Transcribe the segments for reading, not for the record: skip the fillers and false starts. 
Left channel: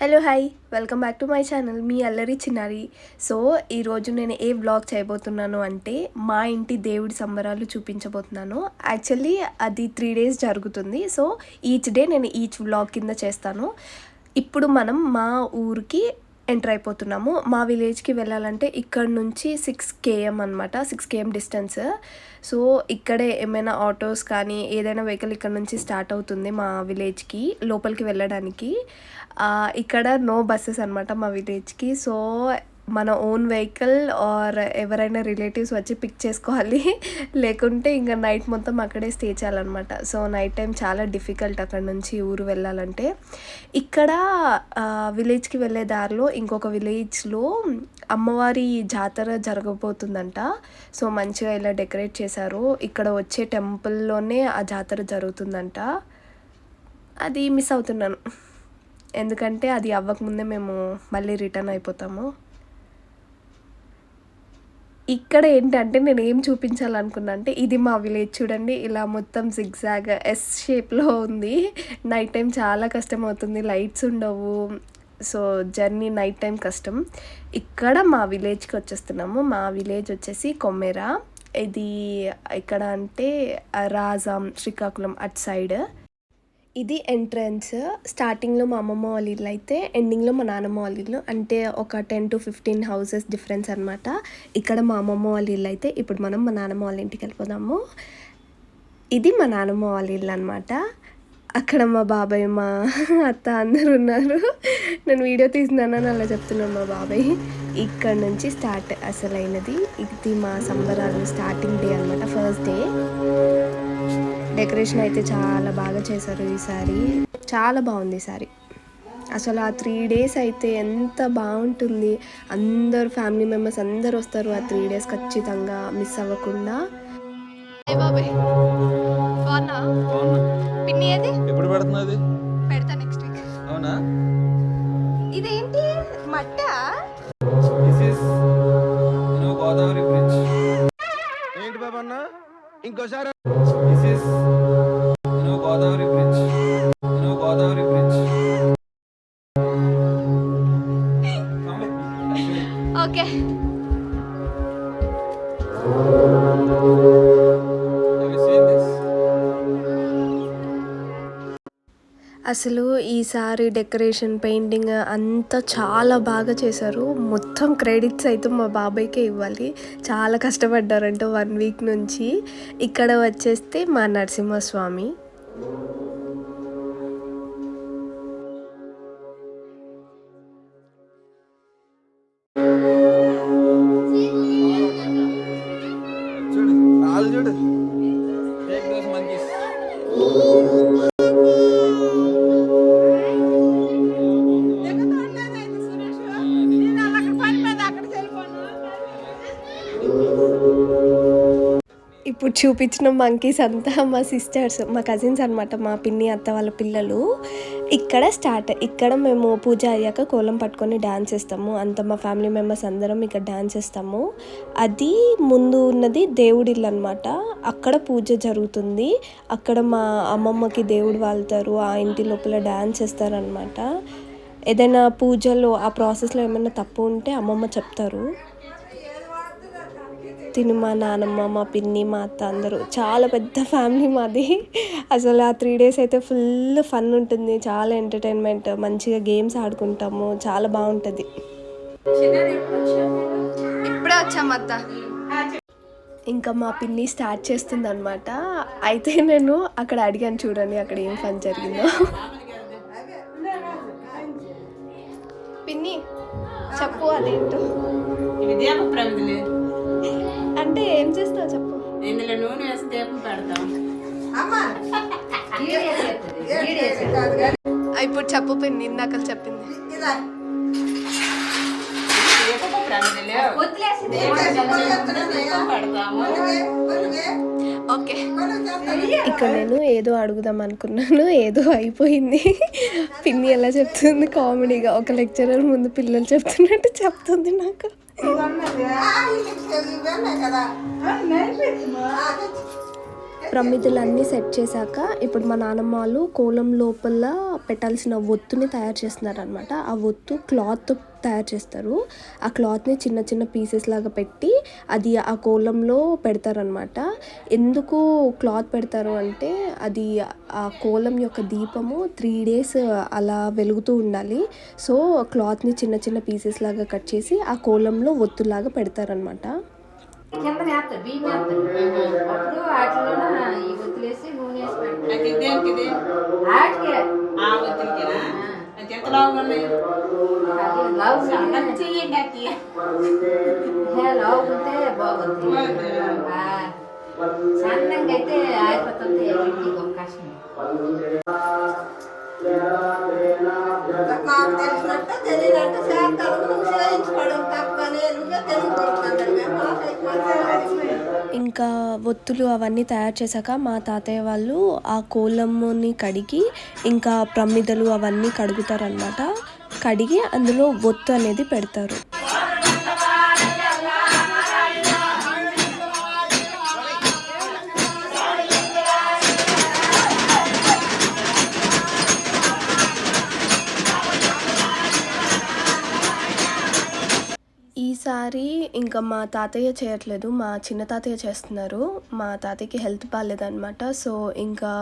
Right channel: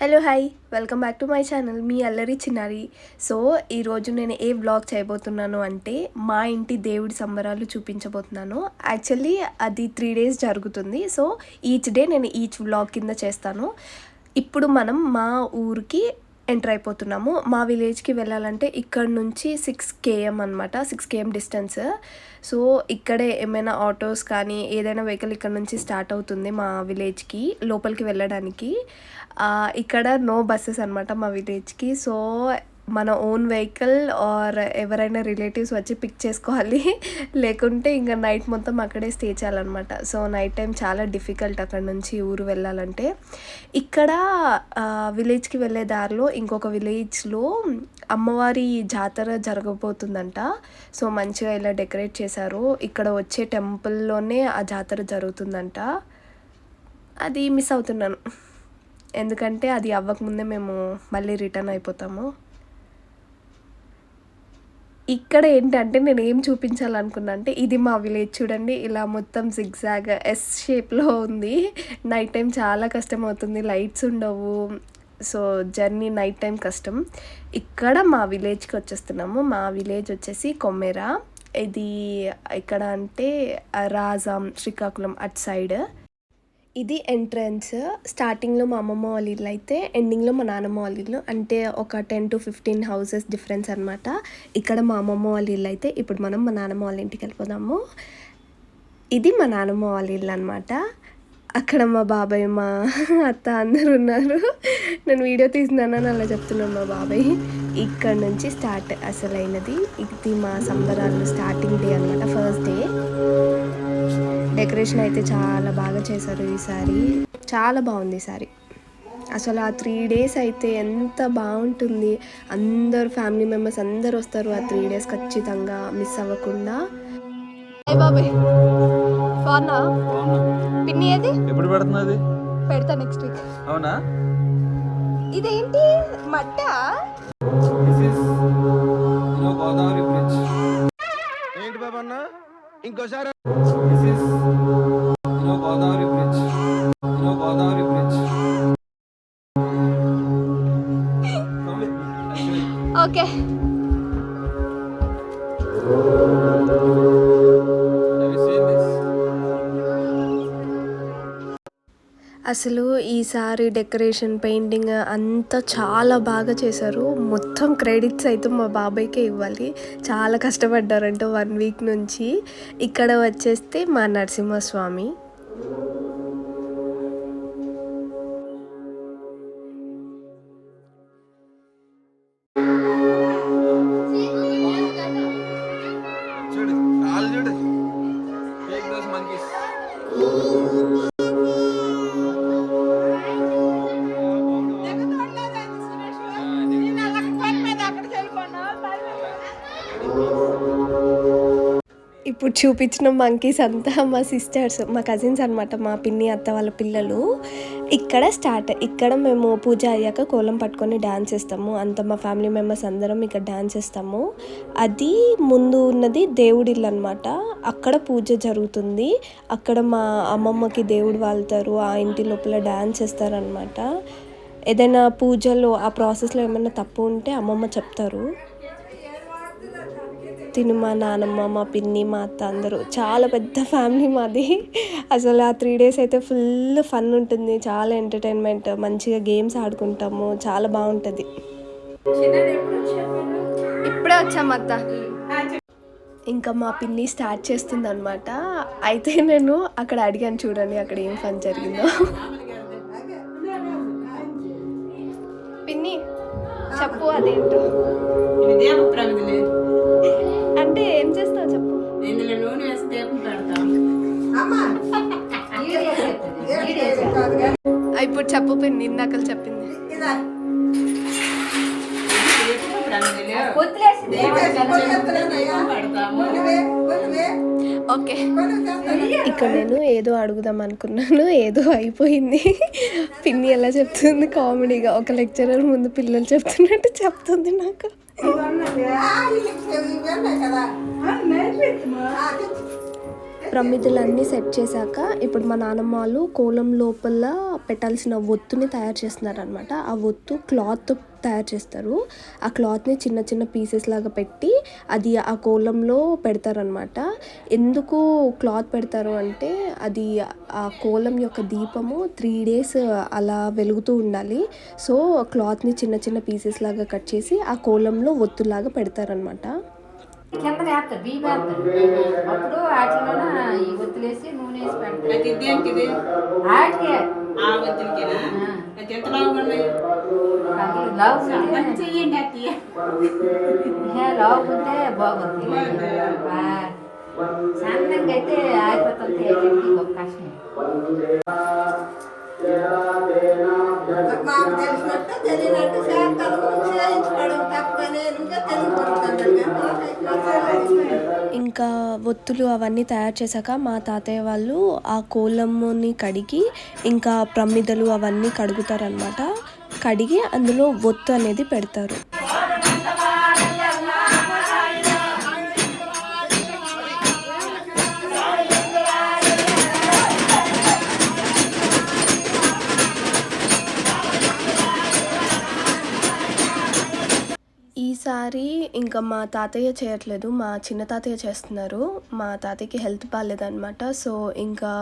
Hello hi welcome back to my channel మీ అల్లరి చిన్నారి. సో ఈరోజు నేను ఏ వ్లాగ్ చేయబోతున్నాను అంటే మా ఇంటి దేవుడి సంబరాలు చూపించబోతున్నాను. యాక్చువల్లీ అది 3 days జరుగుతుంది. సో ఈచ్ డే నేను ఈచ్ వ్లాగ్ కింద చేస్తాను. ఇప్పుడు మనం మా ఊరికి ఎంటర్ అయిపోతున్నాము. మా విలేజ్కి వెళ్ళాలంటే ఇక్కడ నుంచి 6 km అనమాట, 6 km డిస్టెన్స్. సో ఇక్కడే ఏమైనా ఆటోస్ కానీ ఏదైనా వెహికల్ ఇక్కడ నుంచి స్టార్ట్ అవుతుంది మా విలేజ్కి లోపలికి వెళ్ళడానికి. ఇక్కడ నో బస్సెస్ అనమాట మా విలేజ్కి. సో మన ఓన్ వెహికల్ ఆర్ ఎవరైనా రిలేటివ్స్ వచ్చి పిక్ చేసుకోవాలి, లేకుంటే ఇంకా నైట్ మొత్తం అక్కడే స్టే చేయాలన్నమాట. సో నైట్ టైం చాలా డిఫికల్ట్ అక్కడ నుంచి ఊరు వెళ్ళాలంటే. ఇక్కడ విలేజ్కి వెళ్ళే దారిలో ఇంకొక విలేజ్లో అమ్మవారి జాతర జరగబోతుందంట. సో మంచిగా ఇలా డెకరేట్ చేశారు. ఇక్కడ వచ్చే టెంపుల్లోనే ఆ జాతర జరుగుతుందంట. అది మిస్ అవుతున్నాను, ఎందుకంటే అది అవ్వకముందే మేము మళ్ళీ రిటర్న్ అయిపోతాము. ఇక్కడ ఏంటంటే నేను ఏం చూపించాలనుకున్నా అంటే ఇది మా విలేజ్ చూడండి, ఇలా మొత్తం జిగ్జాగ్ ఎస్ షేప్లో ఉంది. నైట్ టైం చాలా కష్టం అవుతుంది, లైట్స్ ఉండవు. సో జర్నీ నైట్ టైం కష్టం. ఇక్కడ మా విలేజ్కి వచ్చేస్తున్నాము. మా విలేజ్ వచ్చేసి కొమ్మెర. ఇది ఇక్కడ అంటే రాజాం, శ్రీకాకుళం అటు సైడ్. ఇది ఎంట్రన్స్. స్టార్టింగ్లో మా అమ్మమ్మ వాళ్ళ ఇల్లు అయితే ఎండింగ్లో మా నాన్నమ్మ వాళ్ళ ఇల్లు, అంటే ఒక 10 to 15 houses డిఫరెన్స్ అనమాట. ఇక్కడ మా అమ్మమ్మ వాళ్ళ ఇల్లు అయితే ఇప్పుడు మనం మా నాన్నమ్మ వాళ్ళ ఇంటికి వెళ్ళిపోదాము. ఇది మా నాన్నమ్మ వాళ్ళ ఇల్లు అనమాట. అక్కడ మా బాబాయ్, మా అత్త అందరు ఉన్నారు. నేను వీడియో తీసినానని అలా చెప్తున్నాను మా బాబాయ్. ఇక్కడ నుంచి స్టార్ట్ అసలైనది. ఇది మా సంబరాలు స్టార్టింగ్ డే అనమాట, ఫస్ట్ డే. డెకరేషన్ అయితే చాలా బాగా చేశారు ఈసారి, చాలా బాగుంది ఈసారి. అసలు ఆ 3 days అయితే ఎంత బాగుంటుంది. అందరు ఫ్యామిలీ మెంబర్స్ అందరు వస్తారు ఆ 3 days ఖచ్చితంగా మిస్ అవ్వకుండా. బాబాయ్ బాగున్నా? పిన్ని ఏది ఎప్పుడు పెడుతున్నది? పెడతా నెక్స్ట్ వీక్. అవునా? ఇదేంటి మట్ట? This is Godavari bridge. ఏంటి బాబా అన్న ఇంకోసారి? This is Godavari bridge. Godavari bridge. Okay. అసలు ఈసారి డెకరేషన్, పెయింటింగ్ అంతా చాలా బాగా చేశారు. మొత్తం క్రెడిట్స్ అయితే మా బాబాయ్కే ఇవ్వాలి. చాలా కష్టపడ్డారంట 1 week నుంచి. ఇక్కడ వచ్చేస్తే మా నరసింహస్వామి. ఇప్పుడు చూపించిన మంకీస్ అంతా మా సిస్టర్స్, మా కజిన్స్ అనమాట, మా పిన్ని అత్త వాళ్ళ పిల్లలు. ఇక్కడ మేము పూజ అయ్యాక కోలం పట్టుకొని డ్యాన్స్ చేస్తాము. అంత మా ఫ్యామిలీ మెంబర్స్ అందరం ఇక్కడ డ్యాన్స్ చేస్తాము. అది ముందు ఉన్నది దేవుడి ఇల్లు అనమాట. అక్కడ పూజ జరుగుతుంది. అక్కడ మా అమ్మమ్మకి దేవుడు వాళ్తారు, ఆ ఇంటి లోపల డ్యాన్స్ చేస్తారనమాట. ఏదైనా పూజలో ఆ ప్రాసెస్లో ఏమైనా తప్పు ఉంటే అమ్మమ్మ చెప్తారు. తిను మా నాన్నమ్మ, మా పిన్ని, మా అత్త అందరూ, చాలా పెద్ద ఫ్యామిలీ మాది. అసలు ఆ 3 days అయితే ఫుల్ ఫన్ ఉంటుంది, చాలా ఎంటర్టైన్మెంట్, మంచిగా గేమ్స్ ఆడుకుంటాము, చాలా బాగుంటుంది. ఇప్పుడే వచ్చాము అత్త. ఇంకా మా పిన్ని స్టార్ట్ చేస్తుంది అనమాట. అయితే నేను అక్కడ అడిగాను, చూడండి అక్కడ ఏం ఫన్ జరిగిందో. పిన్ని చెప్పు అదేంటో. అంటే ఏం చేస్తావు చెప్పు. ఇప్పుడు చెప్పు పిన్ని, ఇందాక చెప్పింది. ఓకే. ఇక్కడ నేను ఏదో అడుగుదాం అనుకున్నాను, ఏదో అయిపోయింది. పిన్ని ఎలా చెప్తుంది కామెడీగా, ఒక లెక్చరర్ ముందు పిల్లలు చెప్తున్నట్టు చెప్తుంది నాకు. ప్రమిదలన్నీ సెట్ చేశాక ఇప్పుడు మా నాన్నమ్మ వాళ్ళు కోలం లోపల పెట్టాల్సిన ఒత్తుని తయారు చేస్తున్నారనమాట. ఆ ఒత్తు క్లాత్ తయారు చేస్తారు. ఆ క్లాత్ని చిన్న చిన్న పీసెస్ లాగా పెట్టి అది ఆ కోలంలో పెడతారనమాట. ఎందుకు క్లాత్ పెడతారు అంటే అది ఆ కోలం యొక్క దీపము 3 days అలా వెలుగుతూ ఉండాలి. సో క్లాత్ని చిన్న చిన్న పీసెస్ లాగా కట్ చేసి ఆ కోలంలో ఒత్తులాగా పెడతారనమాట. కింద వేస్తారు బియ్యం వేస్తారు అప్పుడు వాటిలోన ఈ ఒత్తులేసి నూనె వేసి పెడతారు. దేనికి వాటికే ఆ ఒత్తులకేనా అయితే ఎంత లావు ఉన్నాయి లావు చెయ్యండి అత్తయ్య లావు ఉంటే బాగుంది సన్నంగా అయితే ఆగిపోతుంది అవకాశం. మాకు తెలిసినట్టు తెలియనట్టు చేయించుకోవడం తప్పనే ఇంకా ఒత్తులు అవన్నీ తయారు చేశాక మా తాతయ్య వాళ్ళు ఆ కోలమ్ని కడిగి ఇంకా ప్రమిదలు అవన్నీ కడుగుతారనమాట. కడిగి అందులో ఒత్తు అనేది పెడతారు. ఈసారి ఇంకా మా తాతయ్య చేయట్లేదు, మా చిన్న తాతయ్య చేస్తున్నారు. మా తాతయ్యకి హెల్త్ బాగాలేదనమాట. సో ఇంకా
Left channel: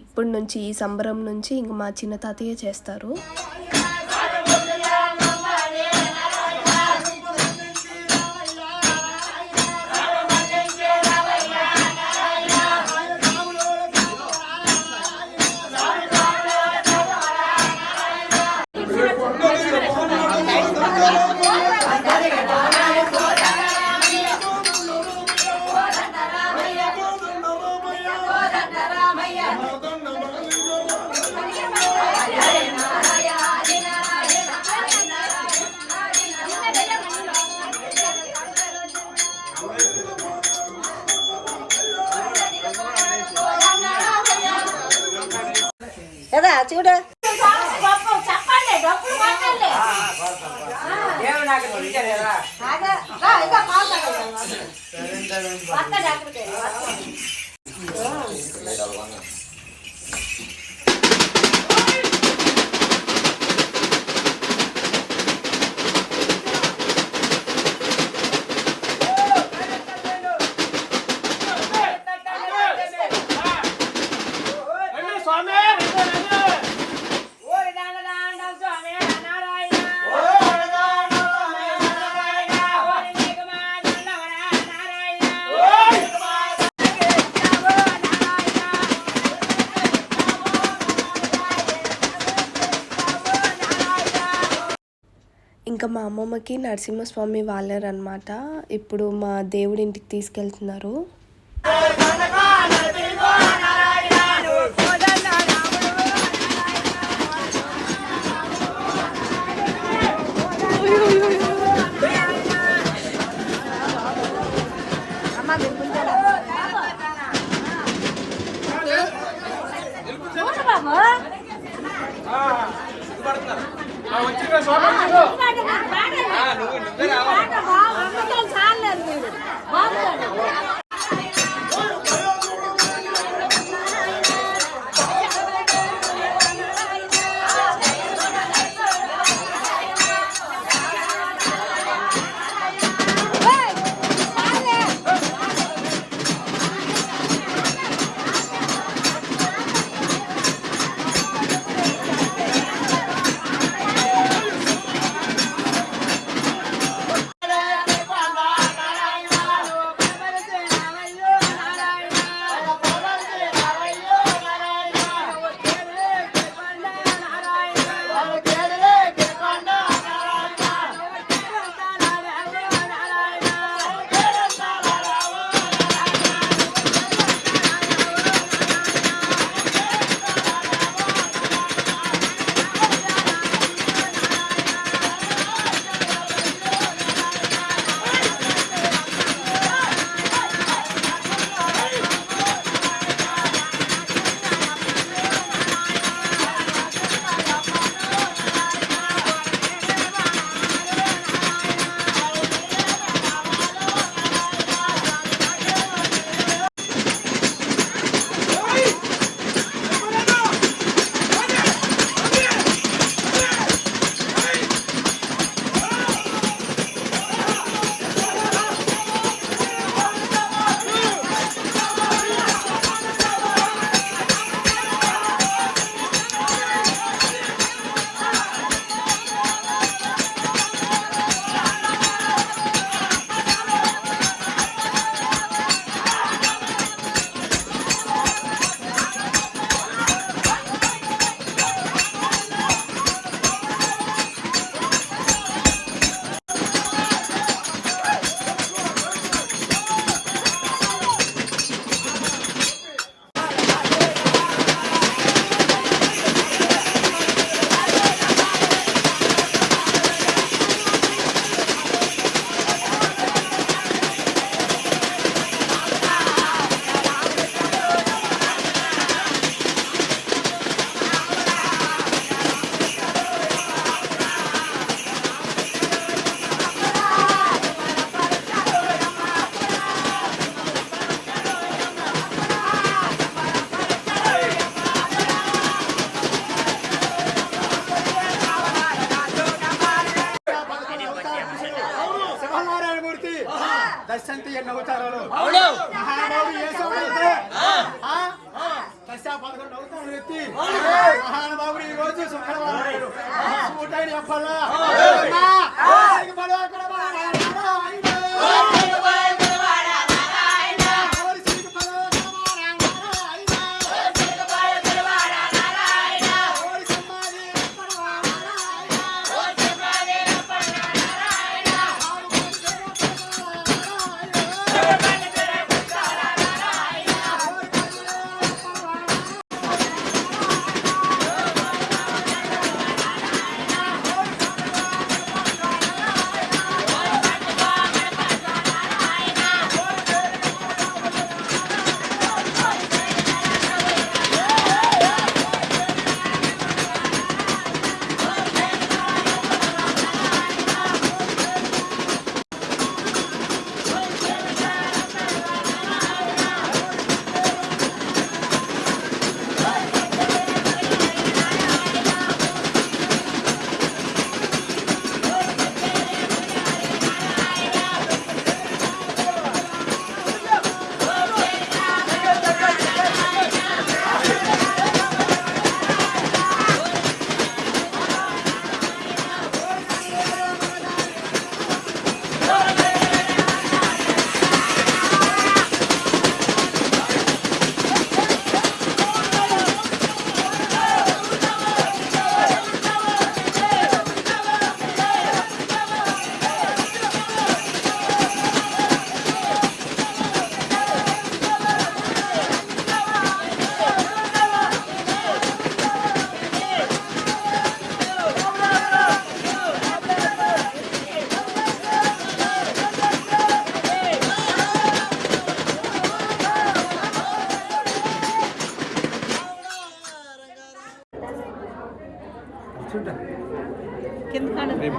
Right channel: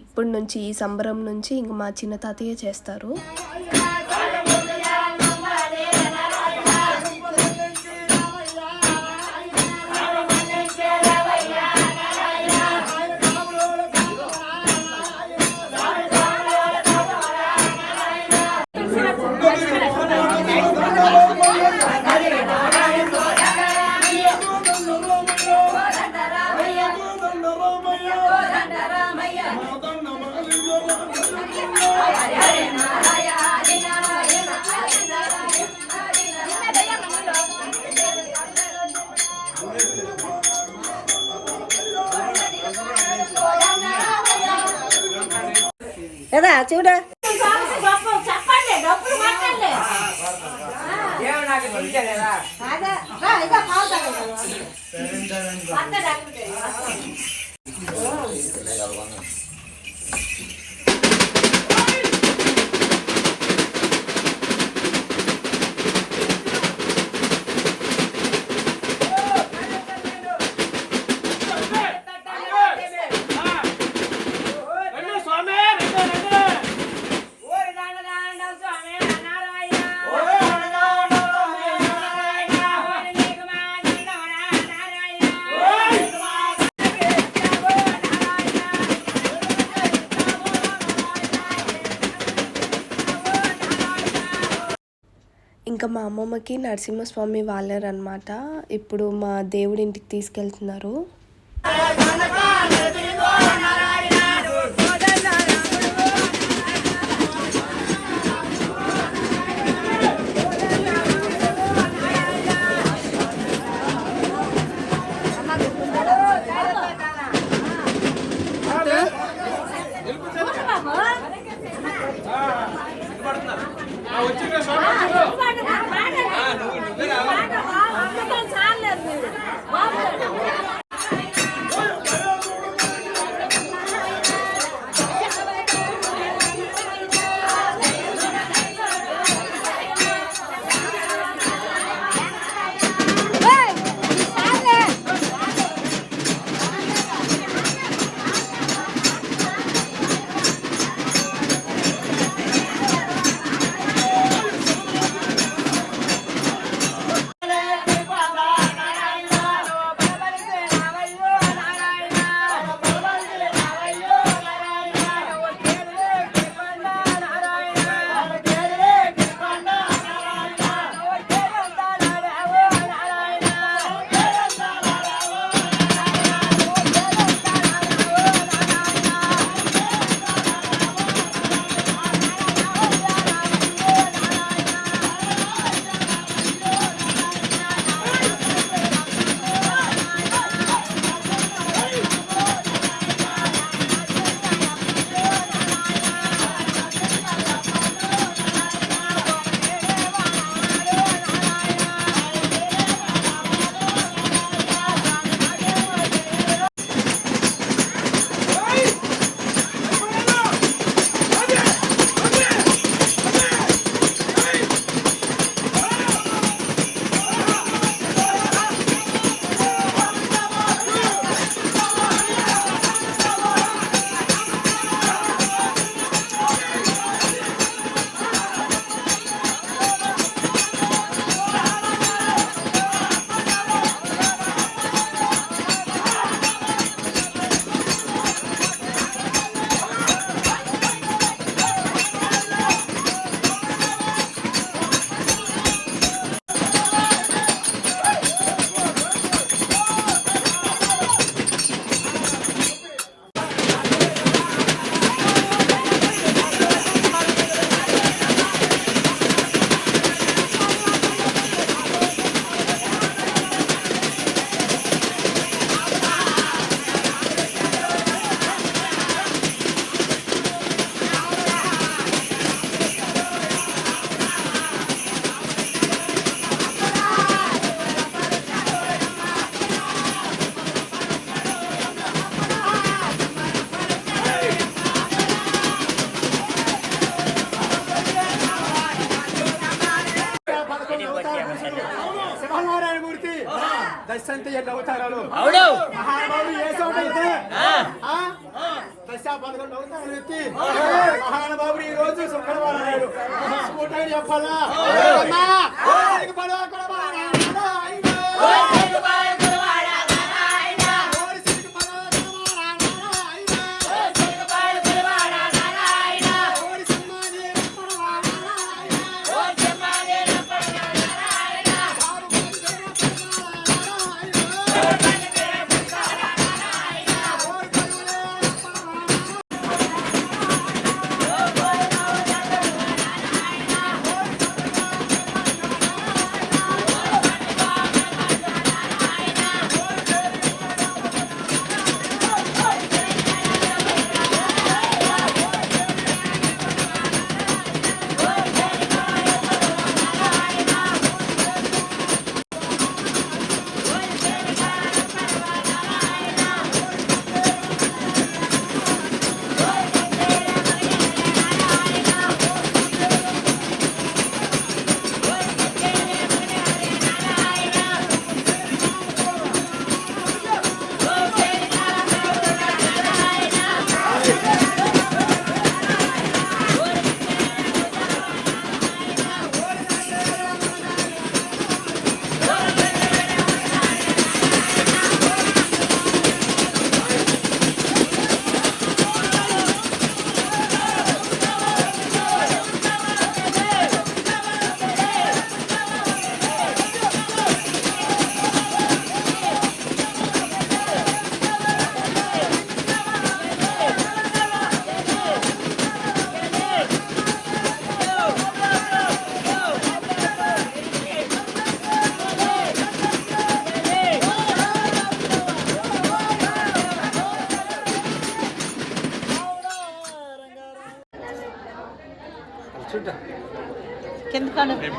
ఇప్పటి నుంచి ఈ సంబరం నుంచి ఇంకా మా చిన్న తాతయ్య చేస్తారు. చూడ చెప్పండి డబ్బులు మాట్లాడలే ఇంకా మా అమ్మమ్మకి నరసింహస్వామి వాళ్ళరనమాట. ఇప్పుడు మా దేవుడి ఇంటికి తీసుకెళ్తున్నారు. దశంతి ఎన్ని అవతారాలు మహానుభావుడు యేసు అవతారం దశ 11 అవతారాలు ఎత్తి మహానుభావుడు ఈ రోజు శుక్రవారం నాడు సూటైన చెప్పాలా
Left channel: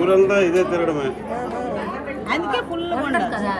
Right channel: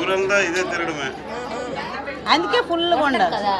ఊరంతా ఇదే తిరగడమే అందుకే ఫుల్ ఉండదు కదా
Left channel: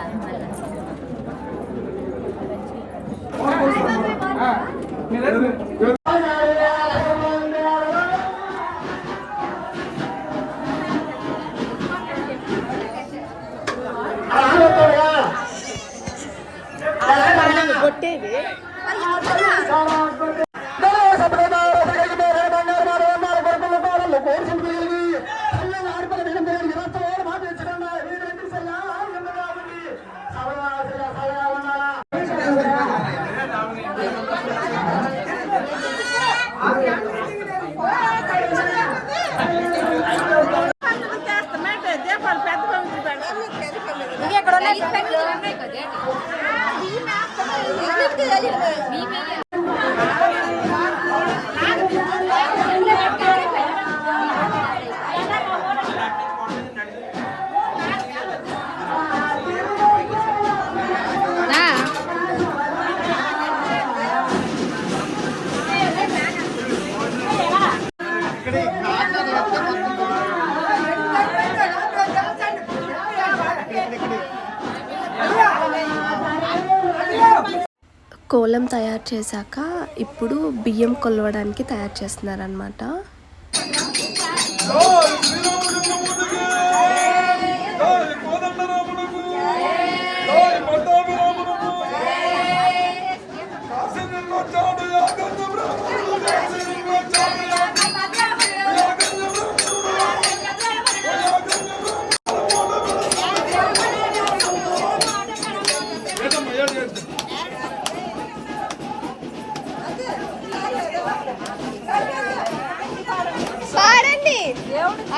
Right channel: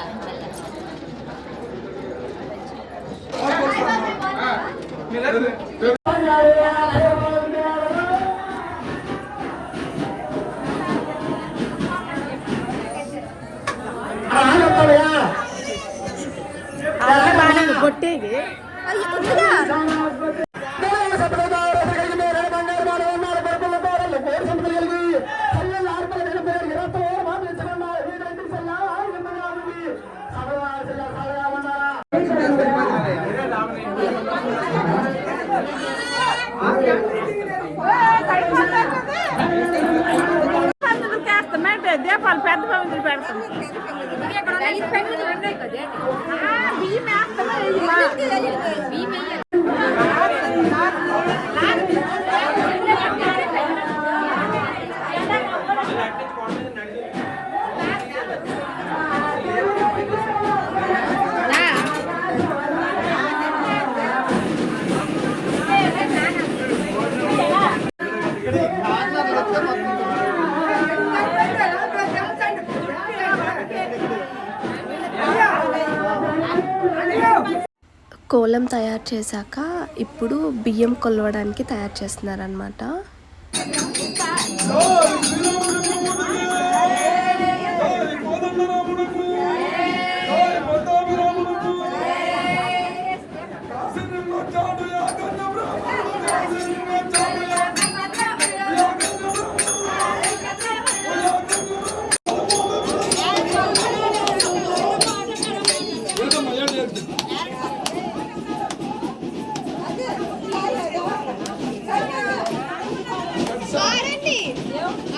దీపాలు పెద్ద పెడతాం కోలం తయారు చేశాక ఇప్పుడు బియ్యం కొలవడానికి తయారు చేస్తున్నారనమాట.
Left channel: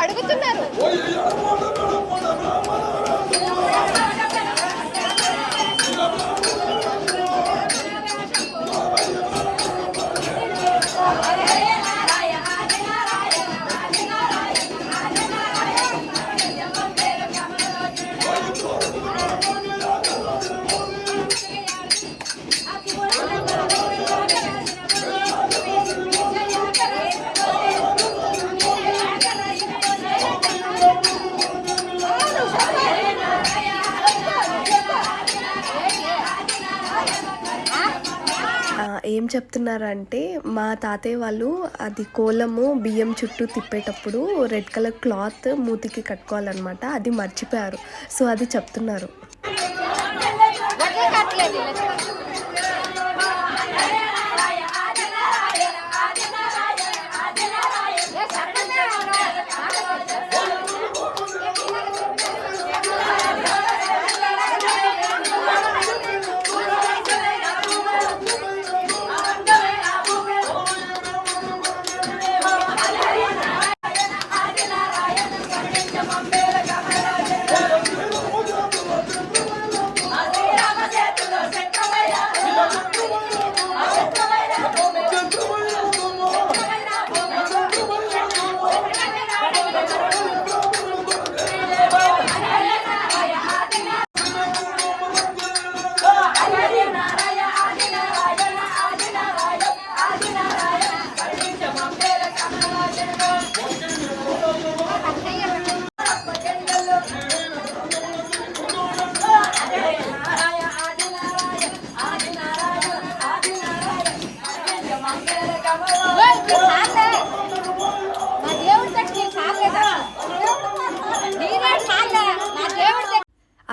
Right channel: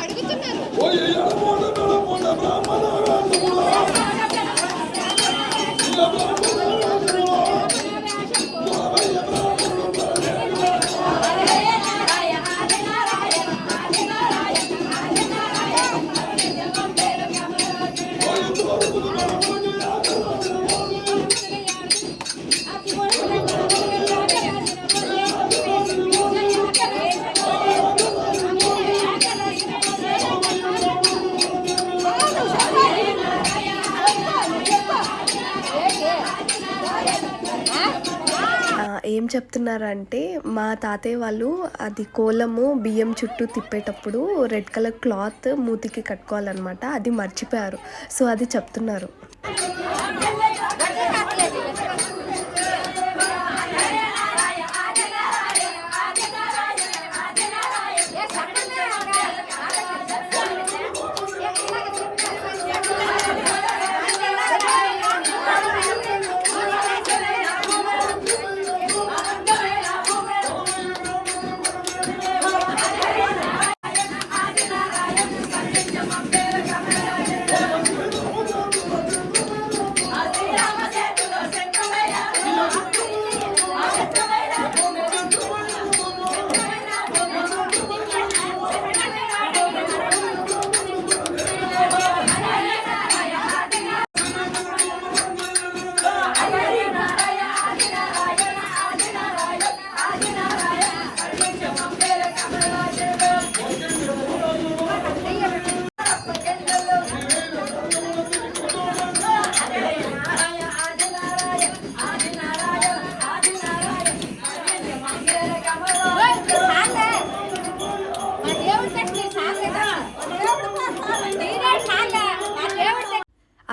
అడుగుతున్నారు ఏం చెప్తున్నారంటే మా తాతయ్య వాళ్ళు అది కోలము బియ్యం చుట్టూ తిప్పేటప్పుడు రెడ్ కలర్ క్లాత్ మూతికి కట్టుకోవాలన్నమాట, అది మర్చిపోయారు. సో అది చెప్తున్నారు.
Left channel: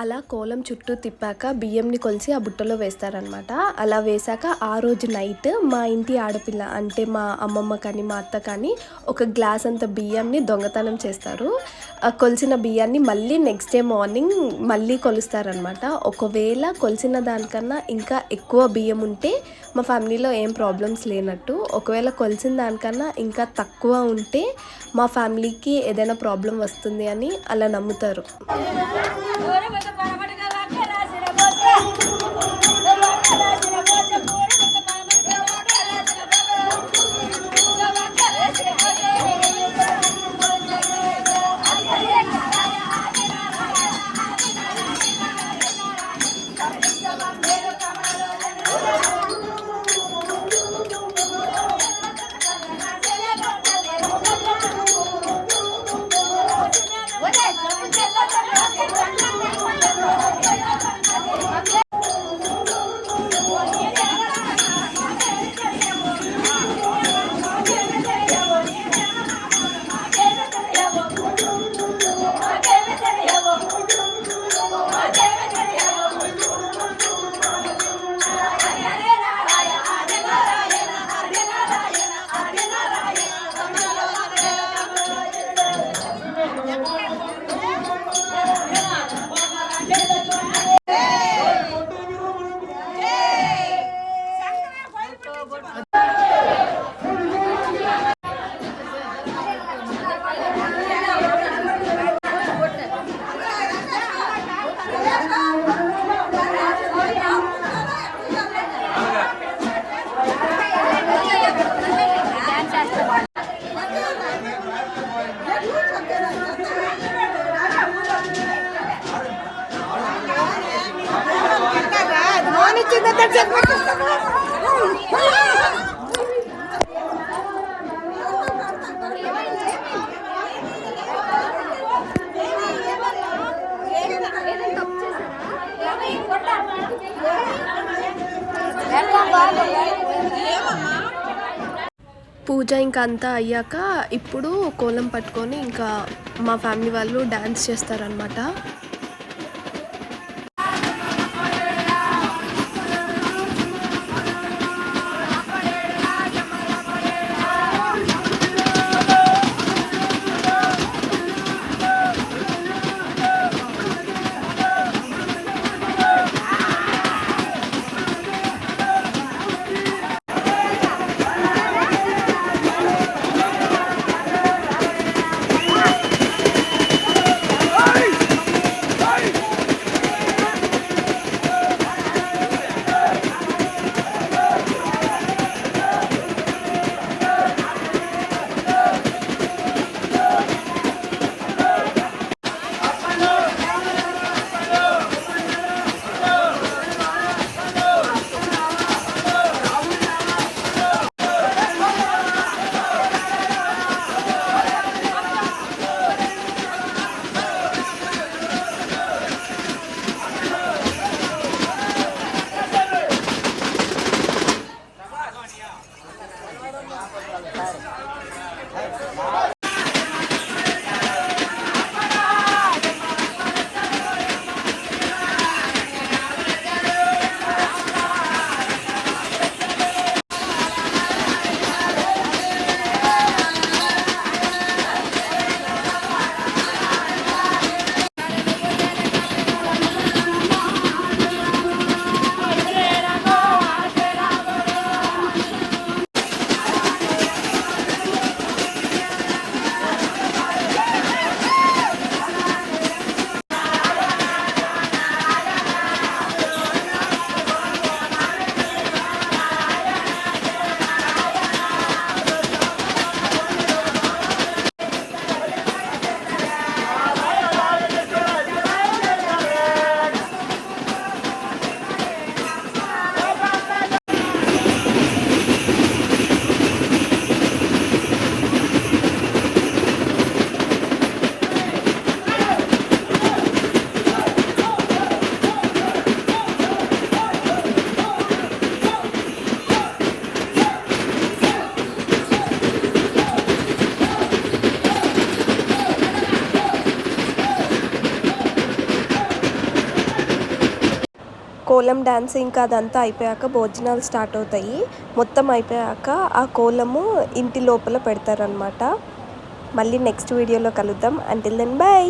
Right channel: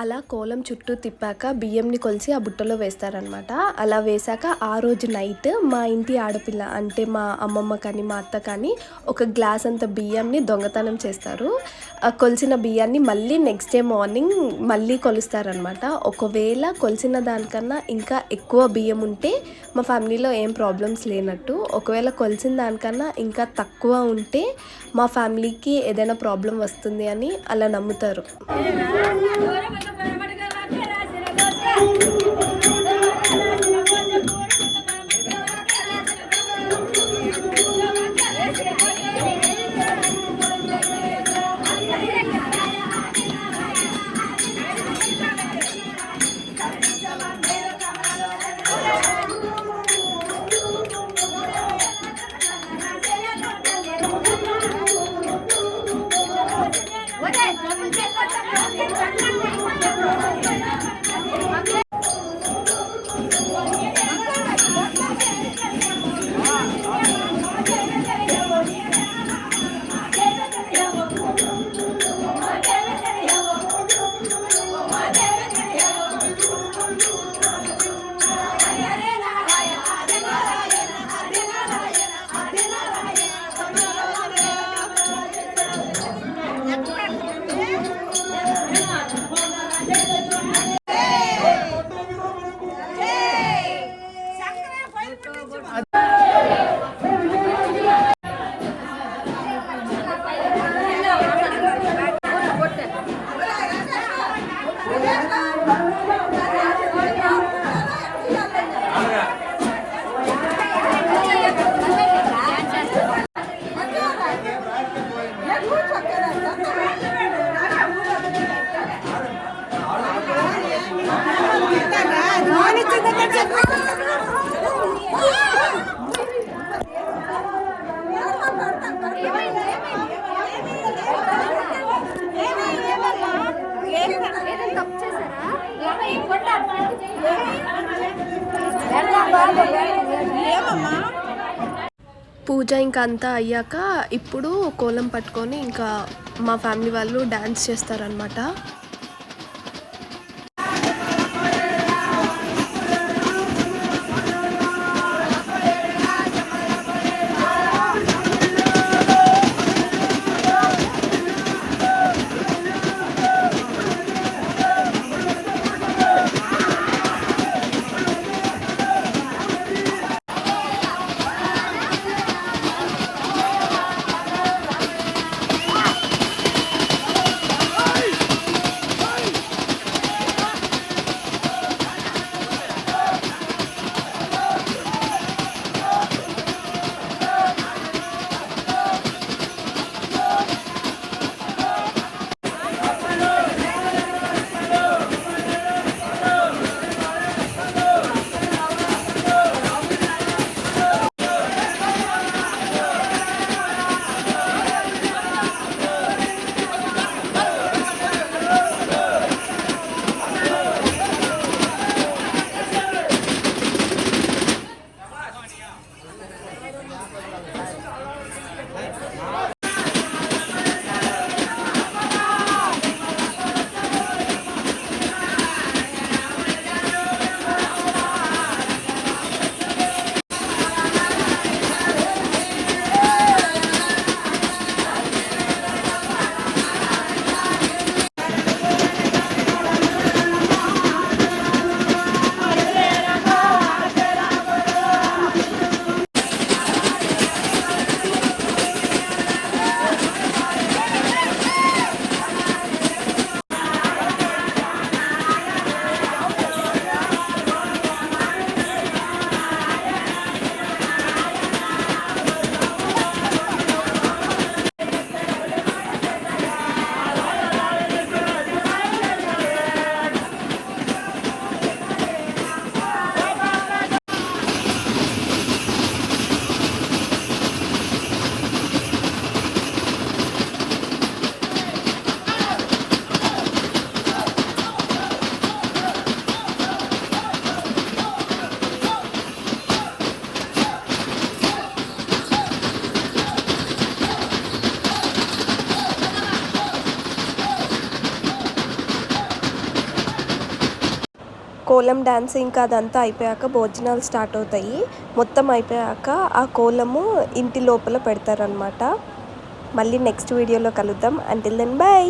అలా కోలం చుట్టూ తిప్పాక బియ్యంని కొలిసి ఆ బుట్టలో వేస్తారనమాట. అలా వేశాక ఆ రోజు నైట్ మా ఇంటి ఆడపిల్ల అంటే మా అమ్మమ్మ కానీ మా అత్త కానీ ఒక గ్లాస్ అంత బియ్యంని దొంగతనం చేస్తారు. కొలిసిన బియ్యాన్ని మళ్ళీ నెక్స్ట్ డే మార్నింగ్ మళ్ళీ కొలుస్తారనమాట. ఒకవేళ కొలిసిన దానికన్నా ఇంకా ఎక్కువ బియ్యం ఉంటే మా ఫ్యామిలీలో ఏం ప్రాబ్లమ్స్ లేనట్టు, ఒకవేళ కొలిసిన దానికన్నా ఇంకా తక్కువ ఉంటే మా ఫ్యామిలీకి ఏదైనా ప్రాబ్లం వస్తుంది అని అలా నమ్ముతారు. పూజ ఇంకా అంతా అయ్యాక ఇప్పుడు కోలం పట్టుకొని ఇంకా మా ఫ్యామిలీ వాళ్ళు డ్యాన్స్ చేస్తారనమాట. కోలం డ్యాన్స్ ఇంకా అదంతా అయిపోయాక భోజనాలు స్టార్ట్ అవుతాయి. మొత్తం అయిపోయాక ఆ కోలము ఇంటి లోపల పెడతారనమాట. మళ్ళీ నెక్స్ట్ వీడియోలో కలుద్దాం. Until then by.